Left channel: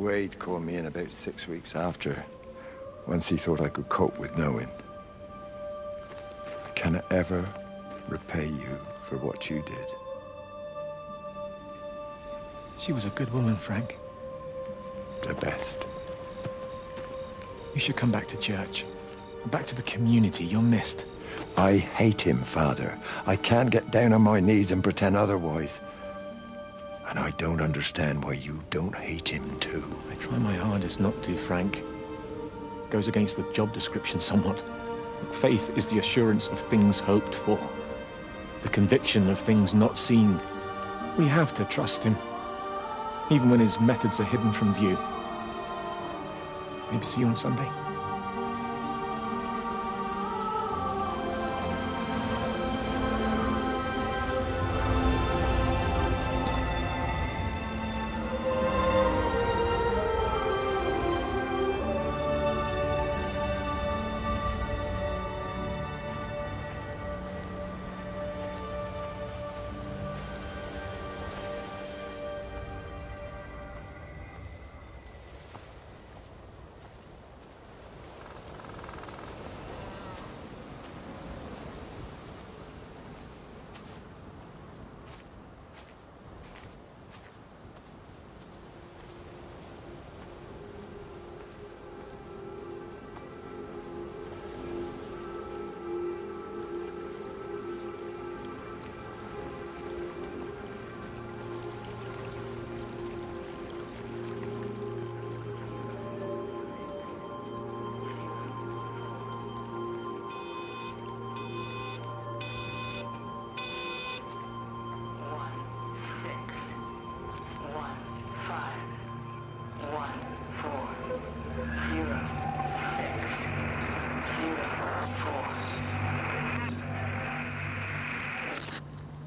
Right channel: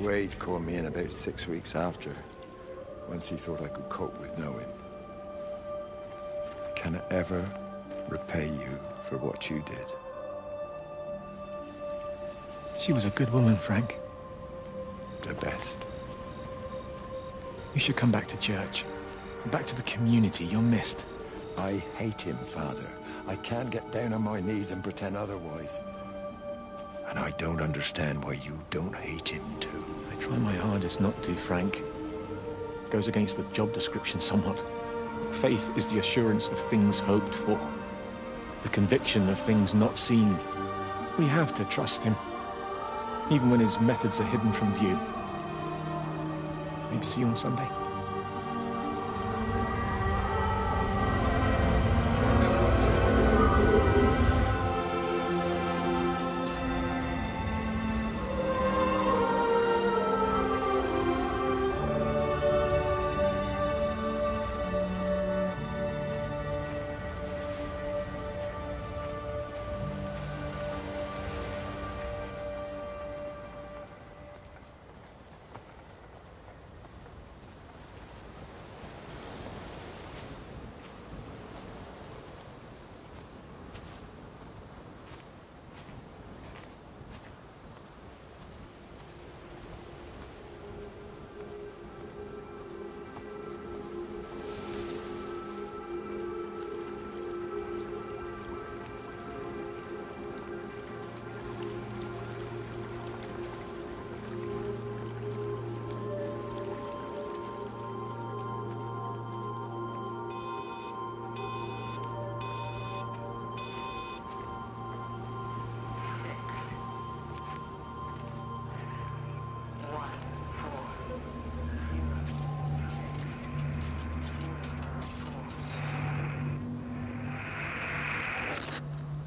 Wade called me in about 6 weeks after, once he thought I could cope with knowing. Can I ever repay you for what you did? She was a good woman, Frank. The best. You should come back to church. Back to the community you're missed. I hate him, Father. I can't get down on my knees and pretend otherwise. And I don't understand why you don't hate him too. I try my hardest not to, Frank. Goes against the job description somewhat. Faith is the assurance of things hoped for. The conviction of things not seen. We have to trust him. Even when his methods are hidden from view. Maybe see you on Sunday.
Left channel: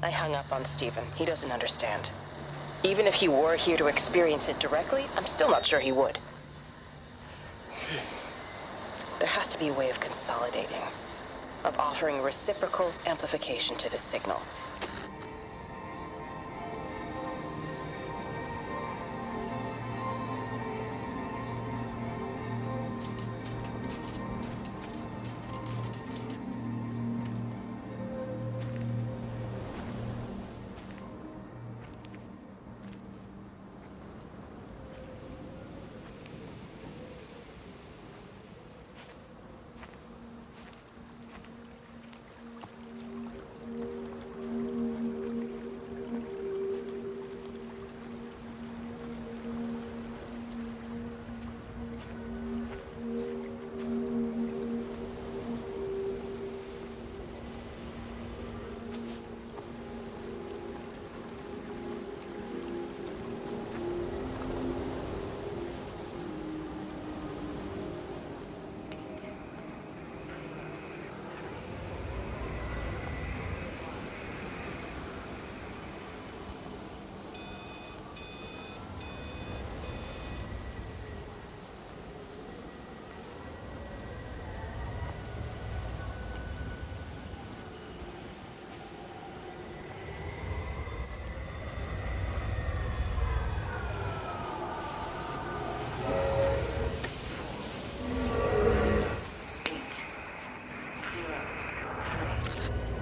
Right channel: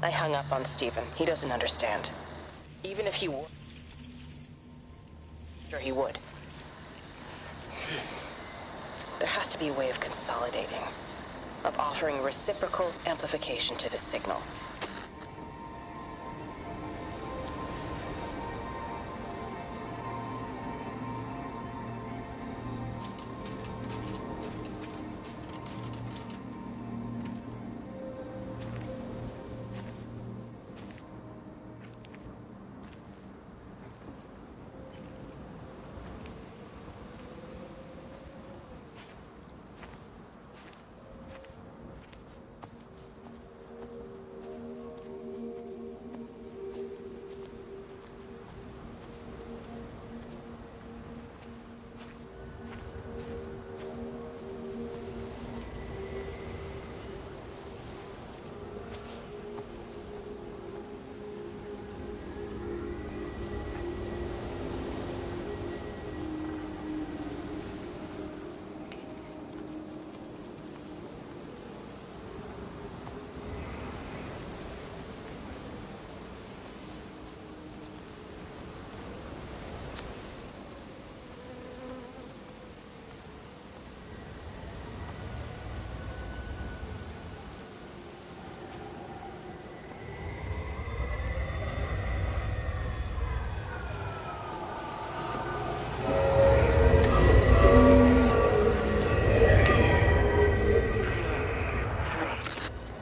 I hung up on Stephen. He doesn't understand. Even if he were here to experience it directly, I'm still not sure he would. There has to be a way of consolidating, of offering reciprocal amplification to the signal.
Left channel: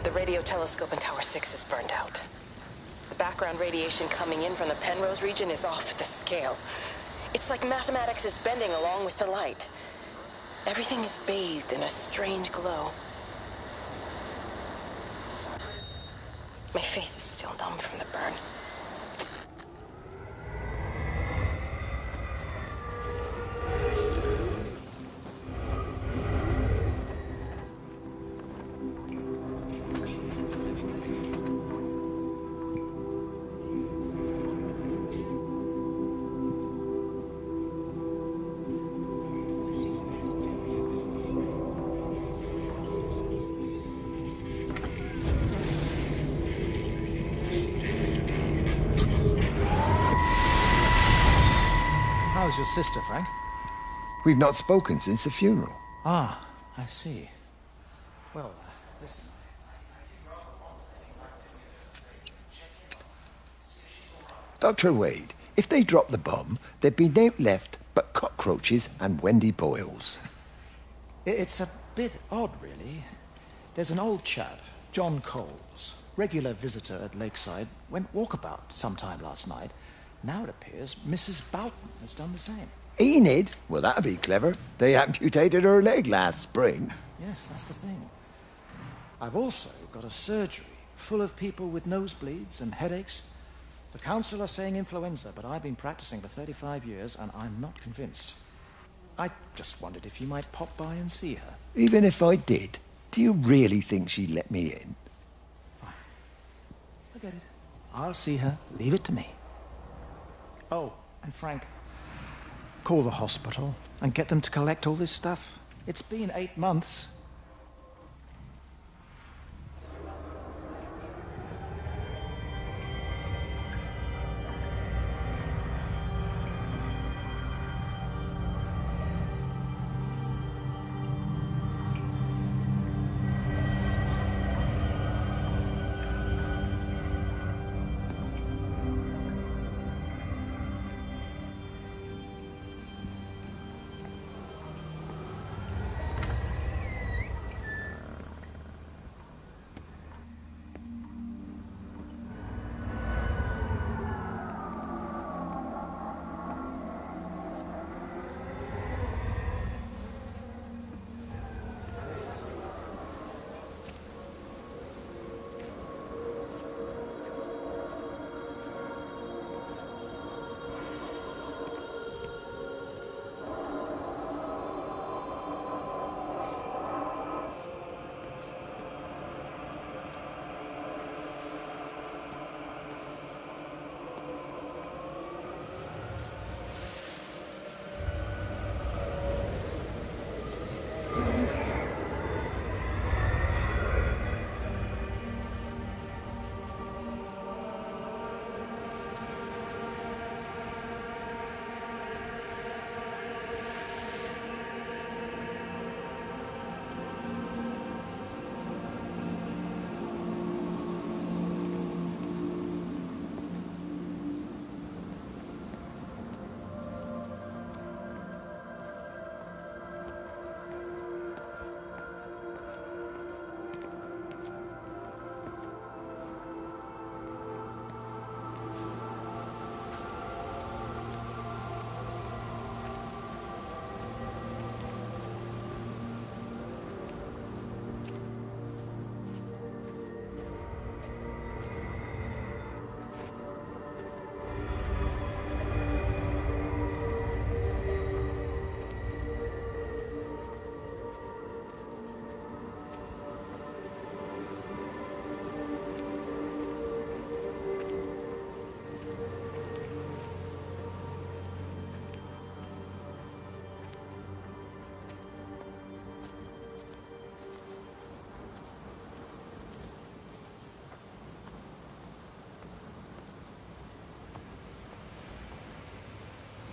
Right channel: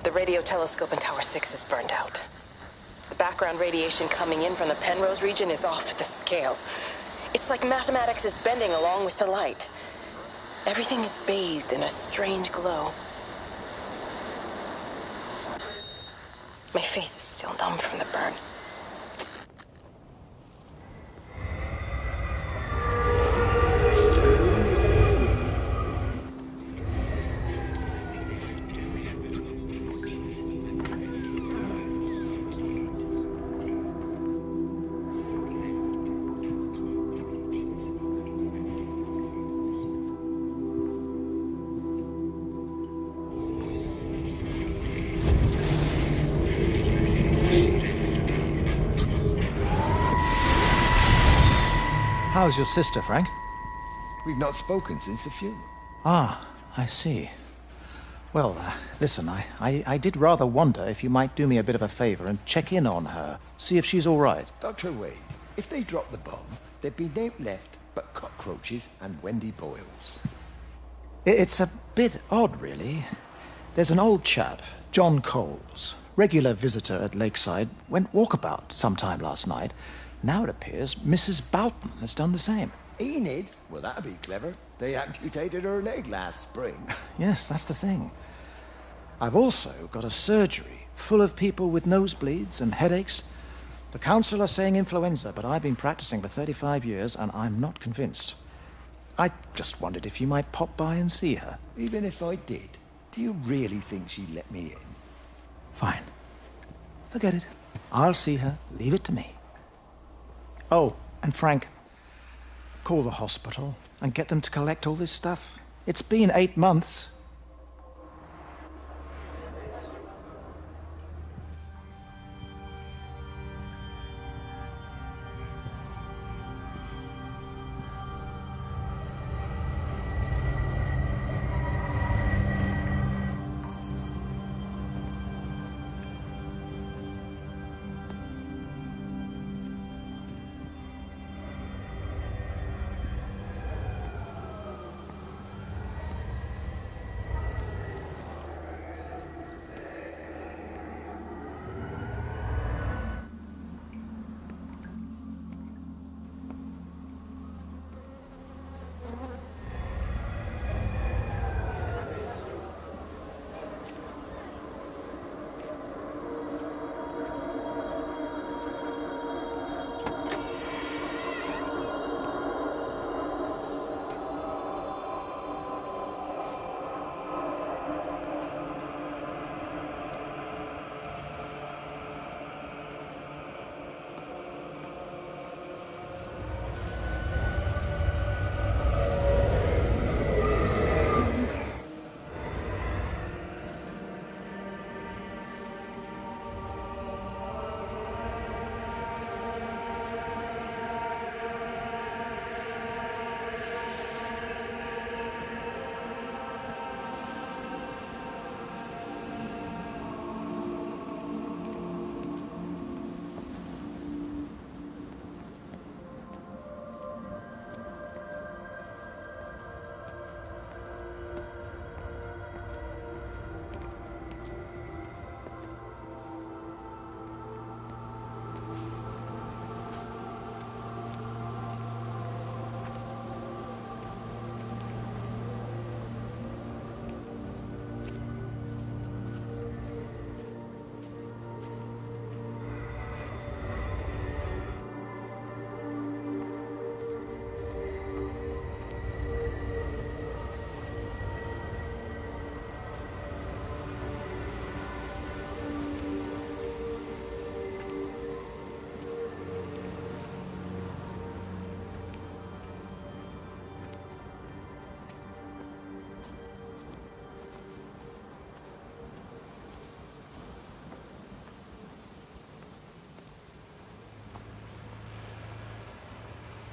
The radio telescope in Tower 6 is burned out. The background radiation coming in from the Penrose region is off the scale. It's like mathematics is bending along with the light. Everything is bathed in a strange glow. My face is still numb from the burn. How's your sister, Frank? We've not spoken since the funeral. Ah, I see. Well, listen, I did rather wonder if you might do me a bit of a favor and check in on her, see if she's all right. Dr. Wade, If they dropped the bomb, there'd be naught left but cockroaches and Wendy Boyles. It's a bit odd, really. There's an old chap, John Coles, regular visitor at Lakeside, went walkabout sometime last night. Now it appears Mrs. Boughton has done the same. Enid? Well, that'd be clever. They amputated her leg last spring. Yes, that's the thing. I've also got a surgery full of people with nosebleeds and headaches. The council are saying influenza, but I've been practicing for 35 years and I'm not convinced. I just wondered if you might pop by and see her. Even if I did, do you really think she'd let me in? Fine. Forget it. I'll see her. Leave it to me. Oh, and Frank, call the hospital and get them to collect all this stuff. It's been 8 months.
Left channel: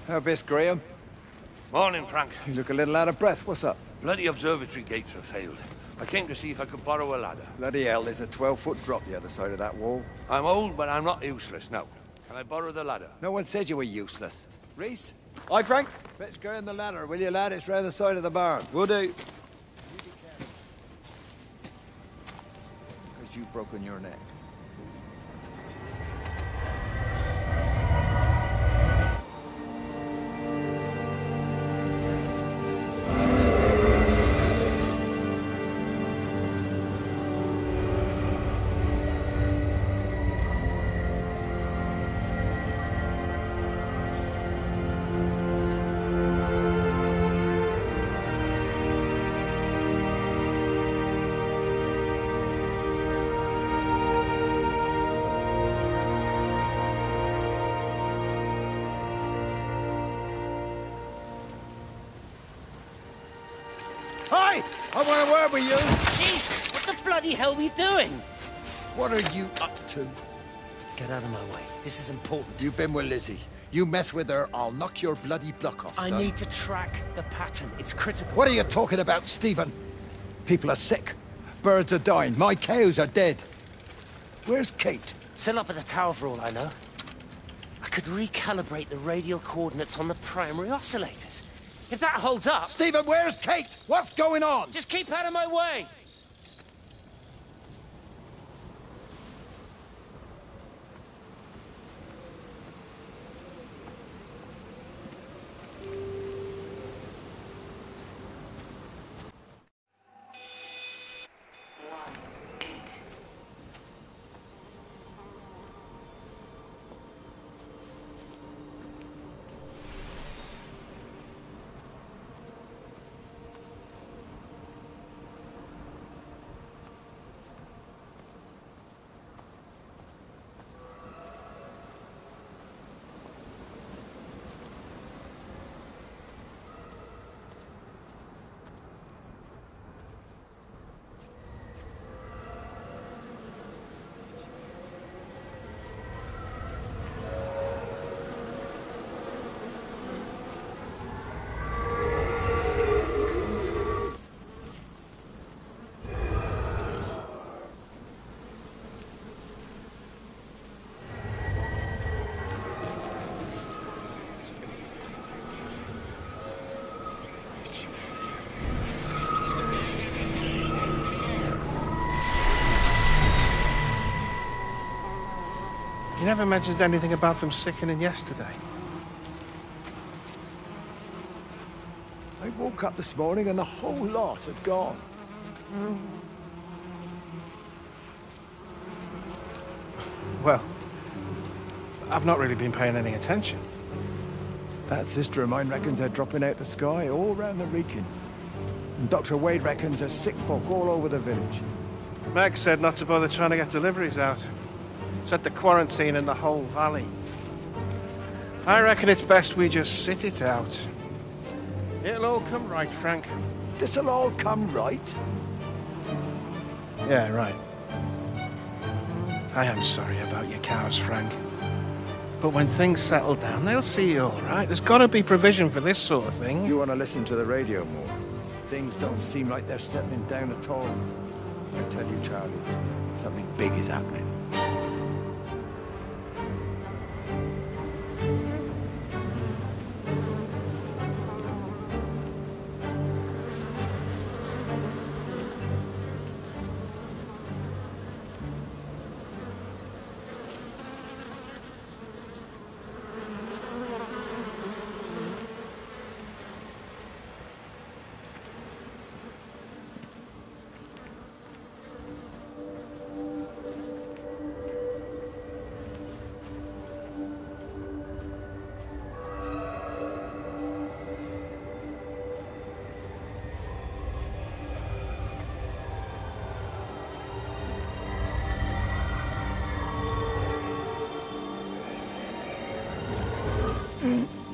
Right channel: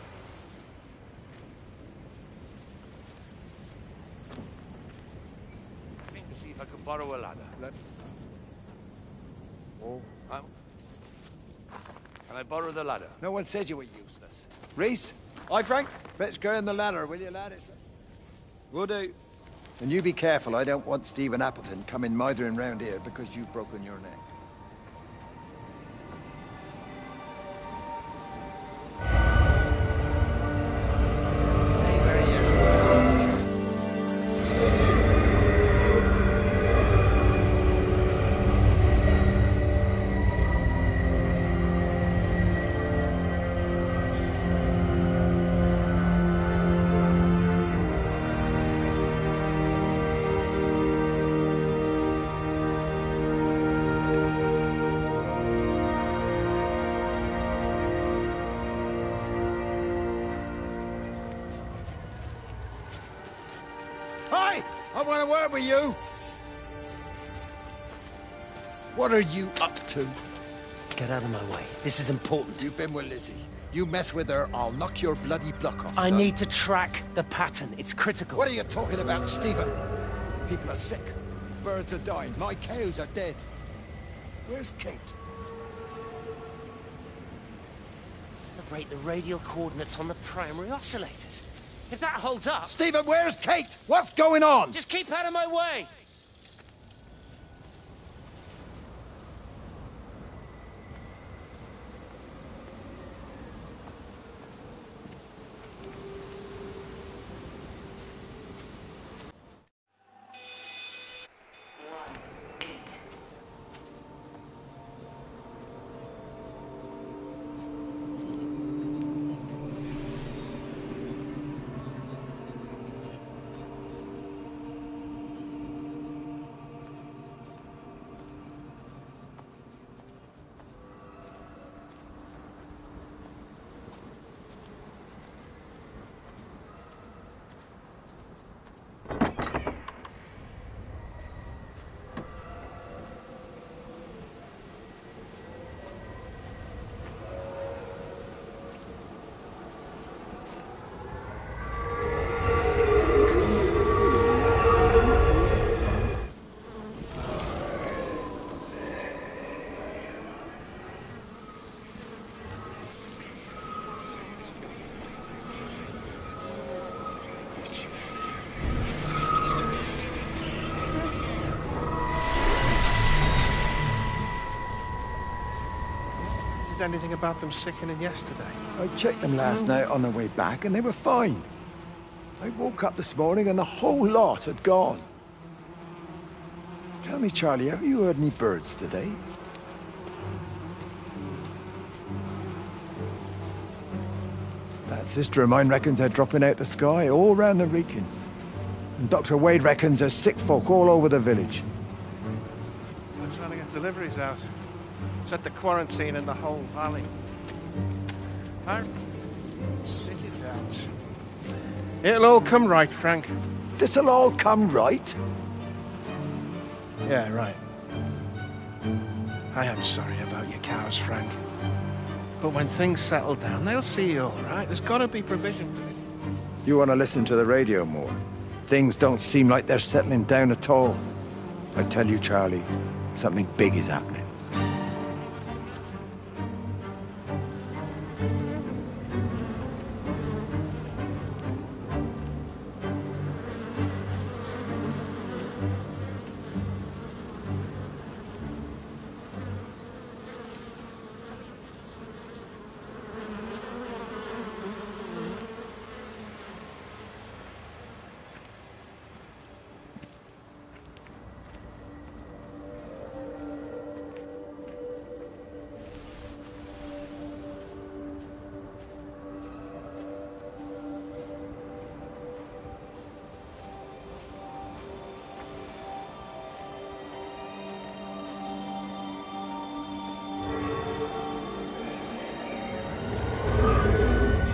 Now, Miss Graham. Morning, Frank. You look a little out of breath. What's up? Bloody observatory gates have failed. I came to see if I could borrow a ladder. Bloody hell, there's a 12-foot drop the other side of that wall. I'm old, but I'm not useless now. Can I borrow the ladder? No one said you were useless. Reese? Aye, Frank? Fetch Graham the ladder, will you, lad? It's round the side of the barn. Will do. And you be careful. I don't want Stephen Appleton coming mithering round here because you've broken your neck. Hi! I want a word with you! Jesus, what the bloody hell are we doing? What are you up to? Get out of my way. This is important. You've been with Lizzie. You mess with her, I'll knock your bloody block off, I son. need to track the pattern. It's critical. What are you talking about, Stephen? People are sick. Birds are dying. My cows are dead. Where's Kate? Still up at the tower for all I know. I could recalibrate the radial coordinates on the primary oscillators. If that holds up... Stephen, where's Kate? What's going on? Just keep out of my way! You never mentioned anything about them sickening yesterday. I checked them last night on the way back, and they were fine. I woke up this morning, and the whole lot had gone. Tell me, Charlie, have you heard any birds today? Well, I've not really been paying any attention. That sister of mine reckons they're dropping out the sky all round the Wrekin. And Dr. Wade reckons there's sick folk all over the village. Meg said not to bother trying to get deliveries out. Set the quarantine in the whole valley. I reckon it's best we just sit it out. It'll all come right, Frank. This'll all come right? Yeah, right. I am sorry about your cows, Frank. But when things settle down, they'll see you all right. There's got to be provision for this sort of thing. You want to listen to the radio more? Things don't seem like they're settling down at all. I tell you, Charlie, something big is happening.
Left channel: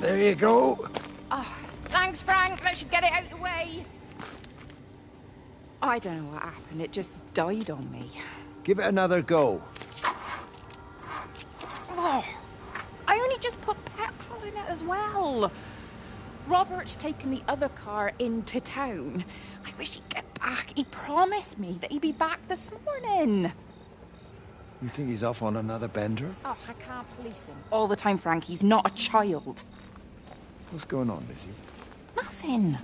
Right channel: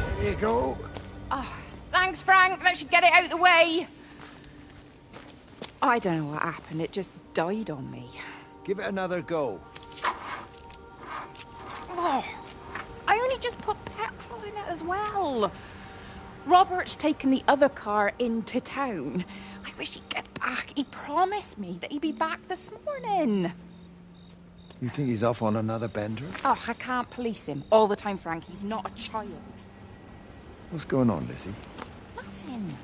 There you go. Oh, thanks, Frank. That should get it out of the way. I don't know what happened. It just died on me. Give it another go. Oh, I only just put petrol in it as well. Robert's taken the other car into town. I wish he'd get back. He promised me that he'd be back this morning. You think he's off on another bender? Oh, I can't police him all the time, Frank. He's not a child. What's going on, Lizzie? Nothing.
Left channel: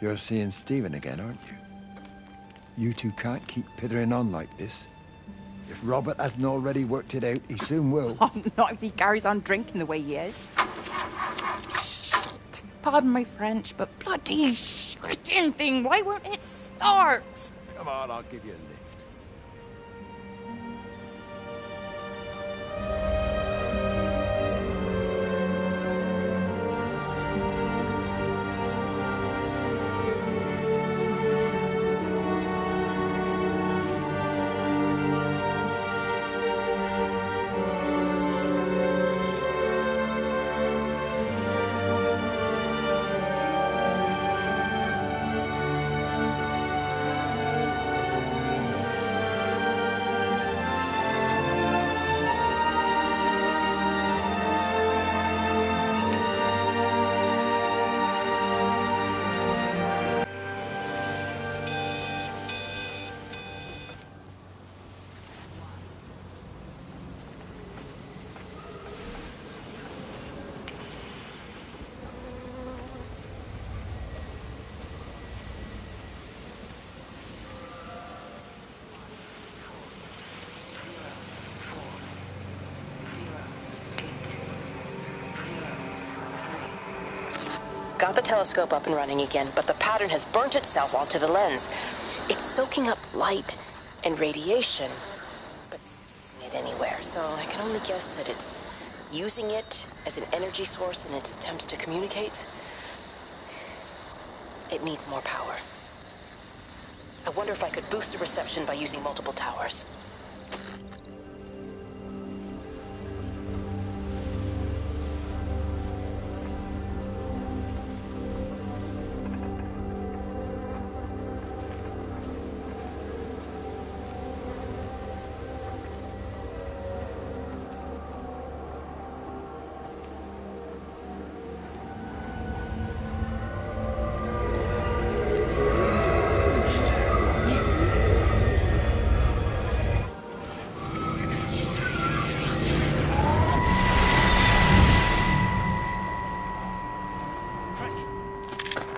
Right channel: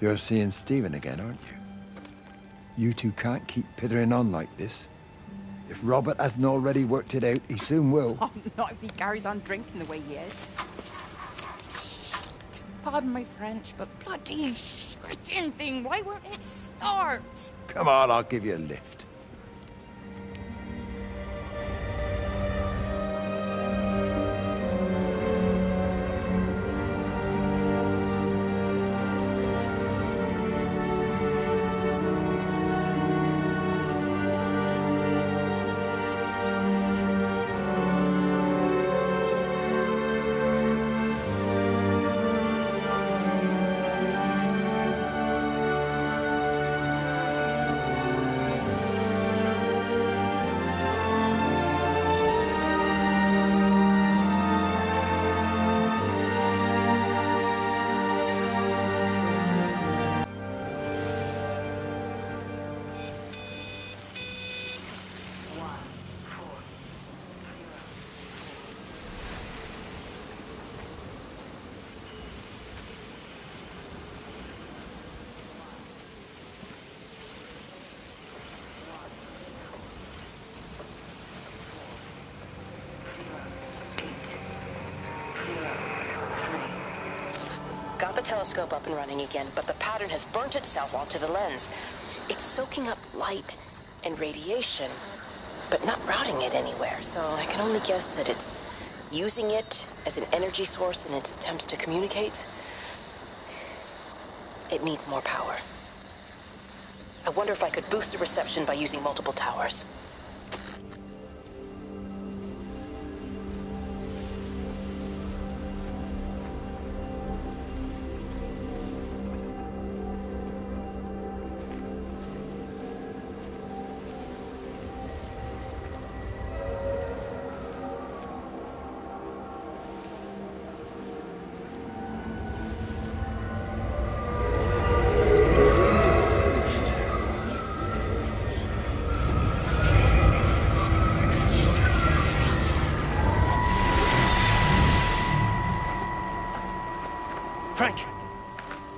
You're seeing Stephen again, aren't you? You two can't keep pithering on like this. If Robert hasn't already worked it out, he soon will. Oh, not if he carries on drinking the way he is. Shit. Pardon my French, but bloody shitting thing, why won't it start? Come on, I'll give you a lift. got the telescope up and running again, but the pattern has burnt itself onto the lens. It's soaking up light and radiation, but not routing it anywhere, so I can only guess that it's using it as an energy source in its attempts to communicate. It needs more power. I wonder if I could boost the reception by using multiple towers.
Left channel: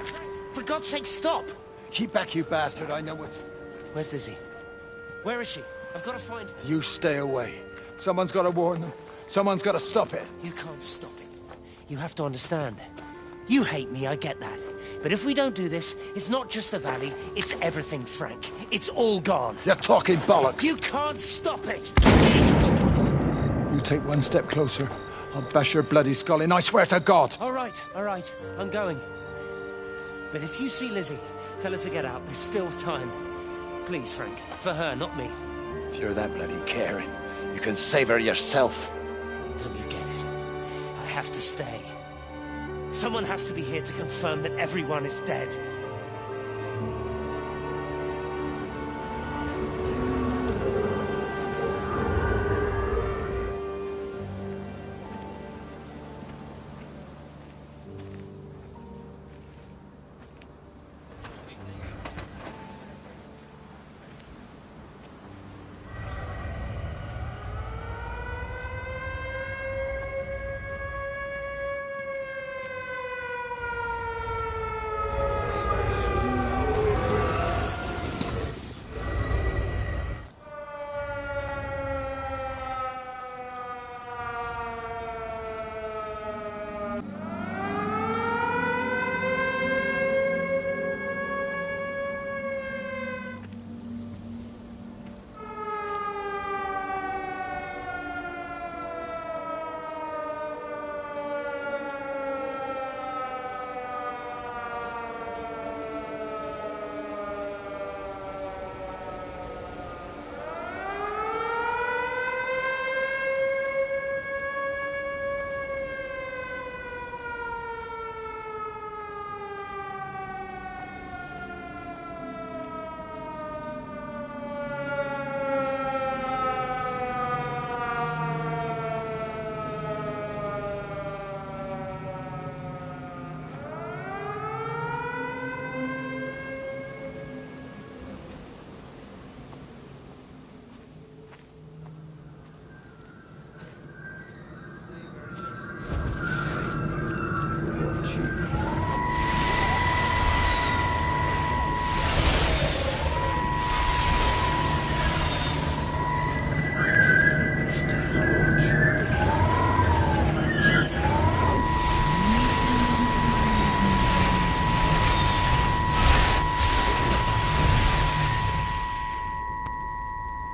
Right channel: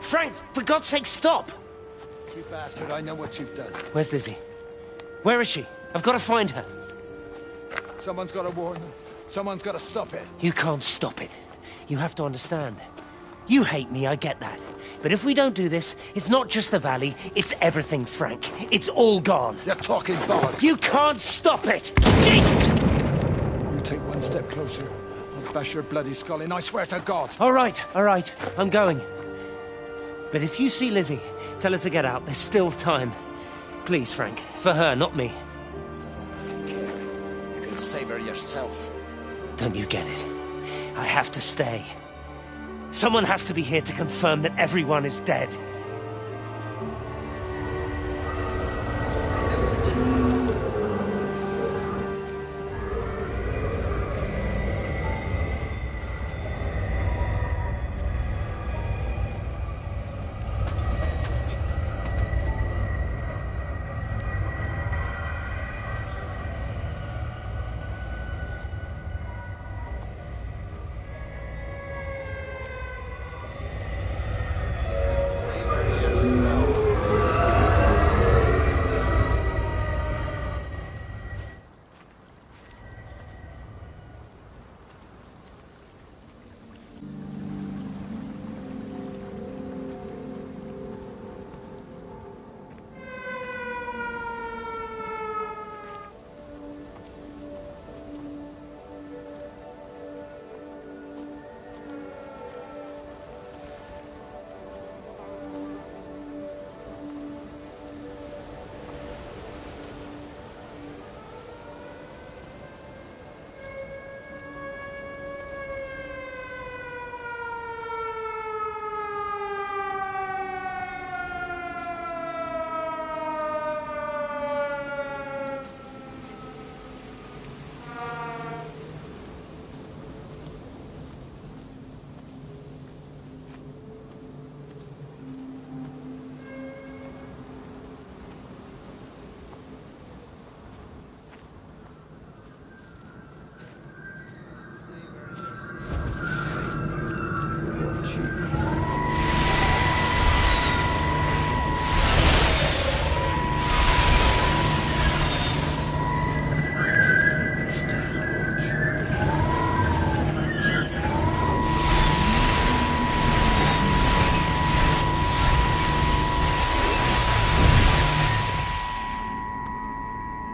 Frank, for God's sake, stop! Keep back, you bastard. I know what you've done. Where's Lizzie? Where is she? I've got to find her. You stay away. Someone's got to warn them. Someone's got to stop it. You can't stop it. You have to understand. You hate me, I get that. But if we don't do this, it's not just the valley, it's everything, Frank. It's all gone. You're talking bollocks. You can't stop it! Jesus! You take one step closer, I'll bash your bloody skull in, I swear to God. All right, I'm going. But if you see Lizzie, tell her to get out. There's still time. Please, Frank. For her, not me. If you're that bloody caring, you can save her yourself. Don't you get it? I have to stay. Someone has to be here to confirm that everyone is dead.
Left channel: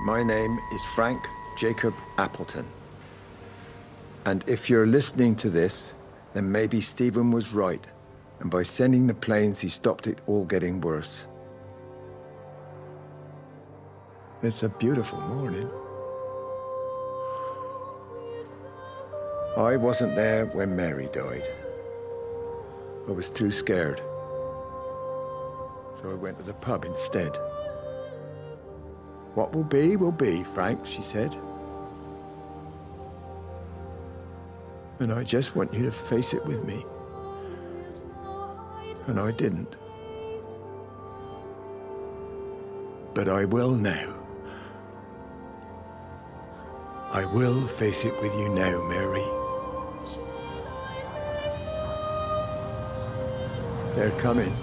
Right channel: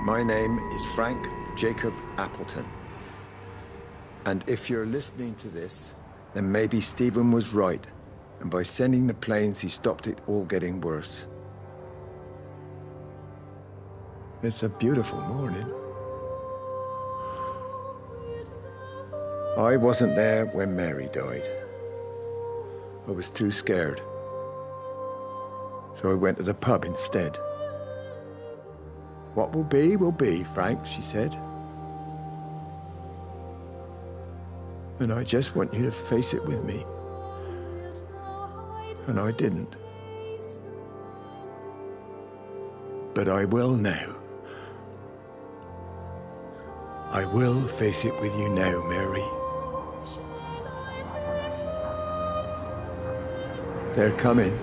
My name is Frank Jacob Appleton. And if you're listening to this, then maybe Stephen was right. And by sending the planes, he stopped it all getting worse. It's a beautiful morning. I wasn't there when Mary died. I was too scared. So I went to the pub instead. What will be, Frank, she said. And I just want you to face it with me. And I didn't. But I will now. I will face it with you now, Mary. They're coming.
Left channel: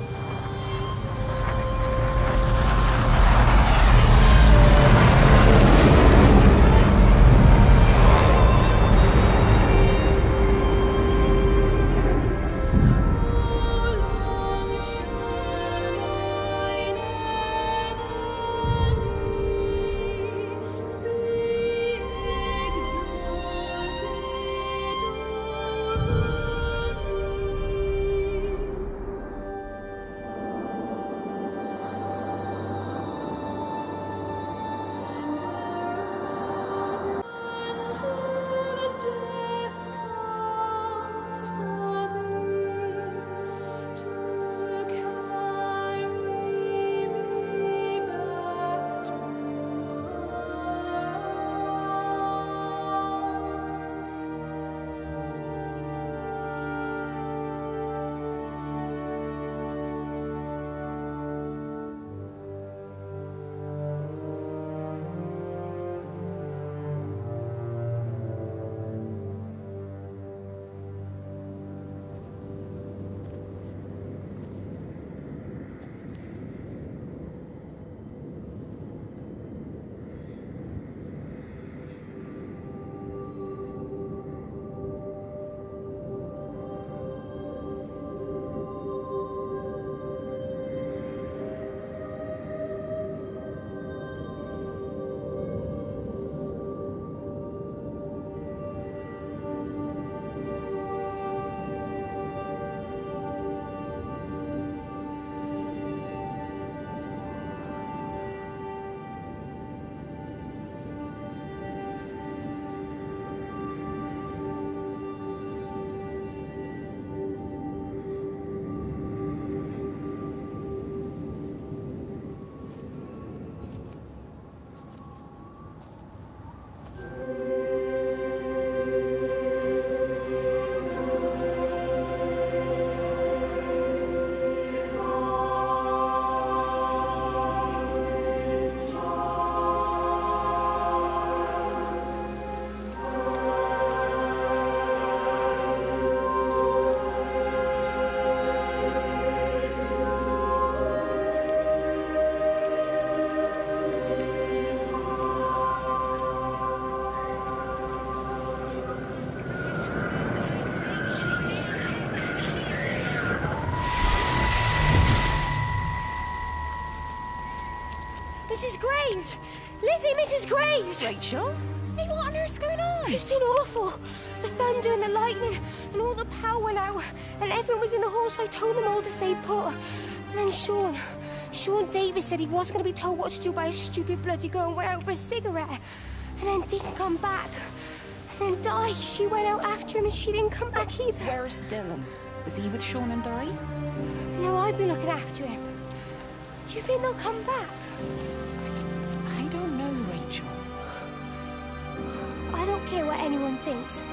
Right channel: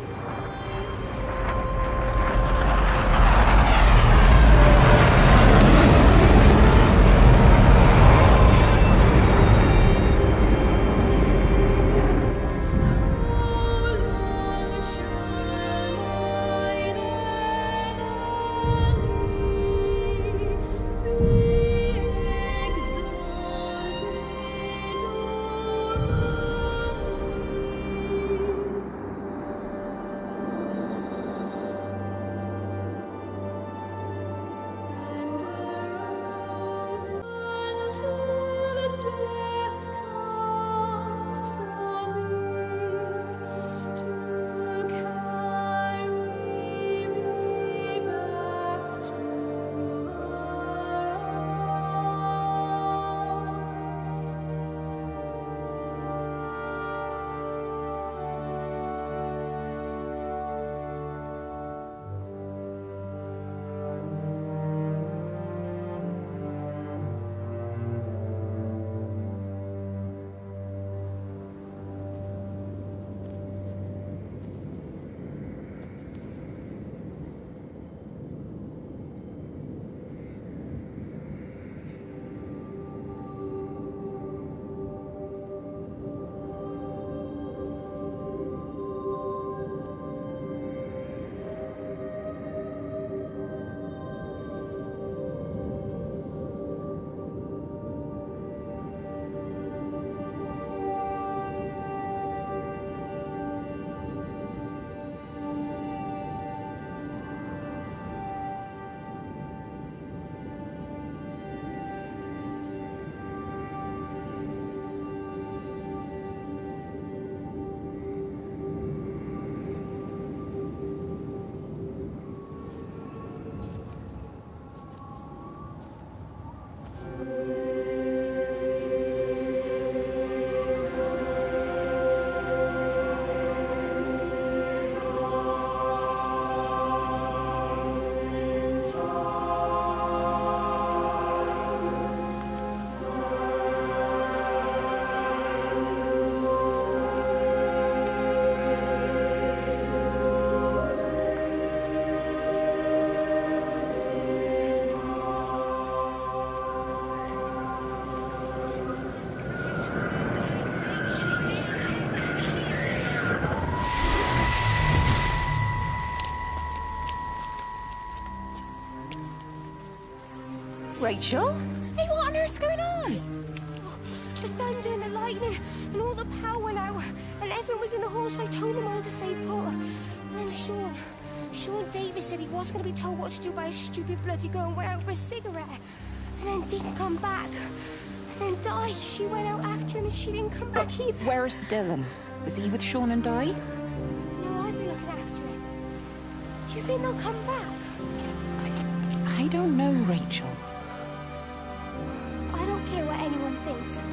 see Mrs. Graves. Rachel? Hey, what on earth's going on? It's been awful. The thunder and the lightning and all the power went out and everyone was in the hall, so I told them all to stay put. But then Sean Davis said he wasn't going to be told what to do by a stupid bloody girl and went out for a cigarette. And then didn't come back. And then Di, she went out after him and she didn't come back either. Where's Dylan? Was he with Sean and Di? No, I've been looking after him. Do you think they'll come back? I don't know, Rachel. I don't care what anyone thinks.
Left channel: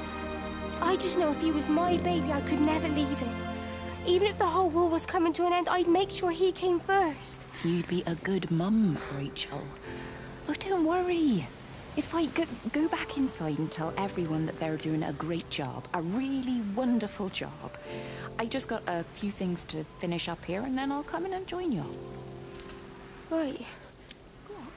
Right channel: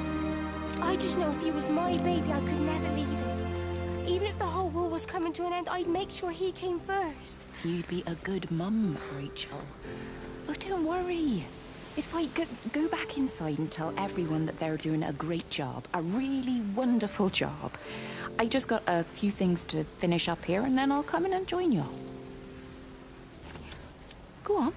I just know if he was my baby, I could never leave him. Even if the whole world was coming to an end, I'd make sure he came first. You'd be a good mum, Rachel. Oh, don't worry. It's fine. Go back inside and tell everyone that they're doing a great job. A really wonderful job. I just got a few things to finish up here, and then I'll come in and join you. Right. Go on.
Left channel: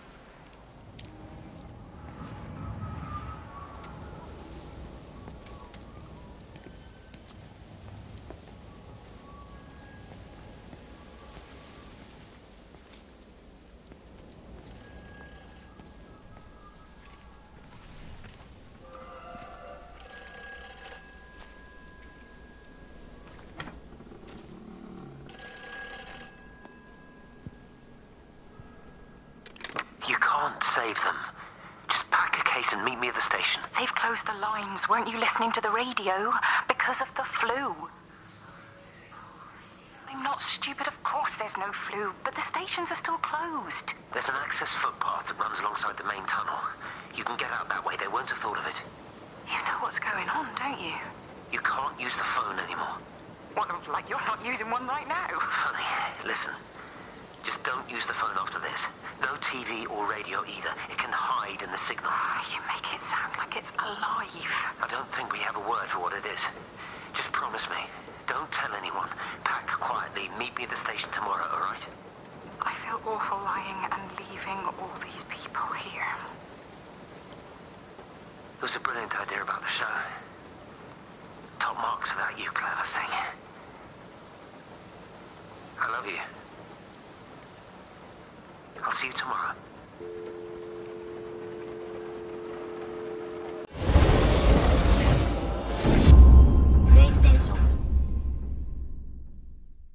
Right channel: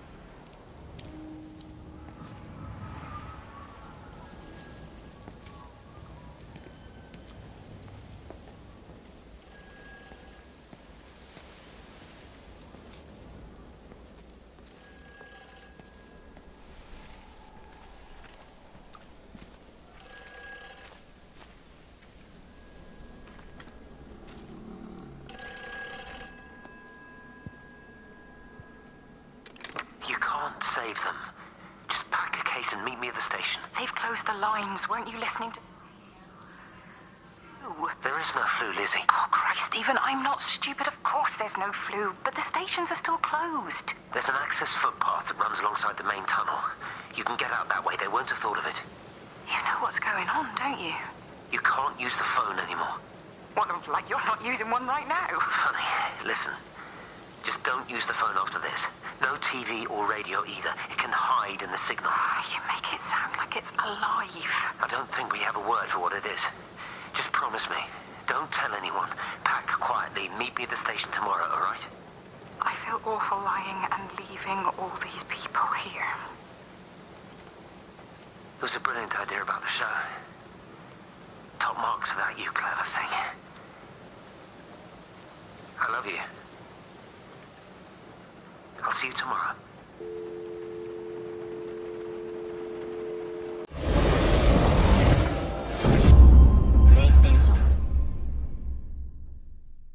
Save them. Just pack a case and meet me at the station. They've closed the lines. Weren't you listening to the radio? Because of the flu. There is no flu, Lizzie. Oh, Christ, Stephen, I'm not stupid. Of course there's no flu, but the stations are still closed. There's an access footpath that runs alongside the main tunnel. You can get out that way. They won't have thought of it. You know what's going on, don't you? You can't use the phone anymore. What, like you're not using one right now? Funny. Listen. Just don't use the phone after this. No TV or radio either. It can hide in the signal. You make it sound like it's alive. I don't think we have a word for what it is. Just promise me. Don't tell anyone. Pack quietly. Meet me at the station tomorrow, all right? I feel awful lying and leaving all these people here. It was a brilliant idea about the show. Top marks for that, you clever thing. I love you. I'll see you tomorrow.